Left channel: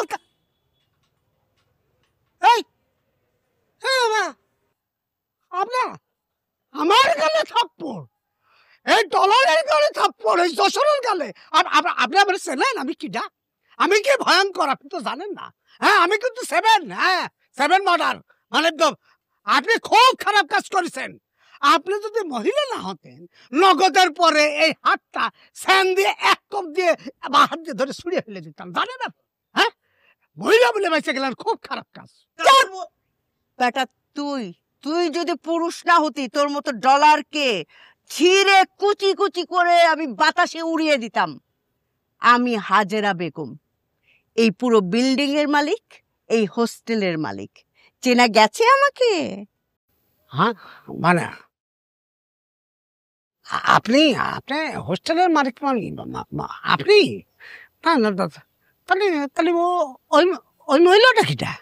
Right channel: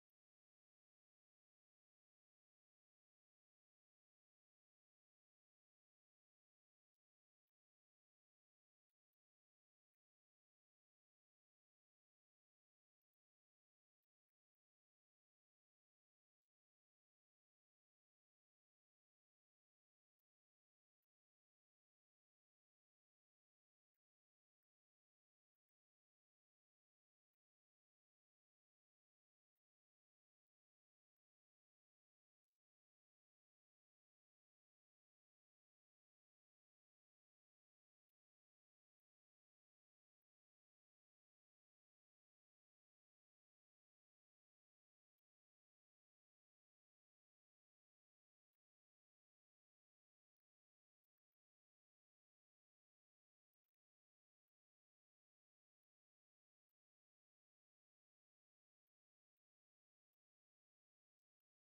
আজকাল এই আপনার আমার গালে থাপ্পড়, এই ডলারের গালে থাপ্পড়, এই যশোরের গালে। আপনি আমার চেনেন আমি কিডা? আমি কি ভয়ঙ্কর আপনি তো জানেন না। হ্যাঁ আমি কিন্তু 7 মার্ডার মানে আপনি খুব খারাপ কাজ করেছেন। আপনি যদি মহিলা না হতেন নগদের পরে এই হাতটা স্যান দিয়ে এক কোপ দিয়ে বা হাত দিয়ে ধরে ছুঁড়ে ফেলে দিতাম, জানেন না? হ্যাঁ মহিলা বলে বেঁচে গেলেন, খুব খারাপ কাজ। বেটা তুই তুই যদি পুরুষ না হতি তোর মতো ডলারকে ছিঁড়ে কুচি কুচি করে আমি বাতাসে উড়িয়ে দিতাম। আমি হাজেরা বেগম, এই পুরো বিল্ডিং এর মালিক, এই হোস্টেলের মালিক। চেনা গেছে আমাকে? হ্যাঁ মানে আপনি আপনি হোস্টেলের মালিক আপনি? না না তাহলে তাহলে ওই ওই মহিলাটা কিটা?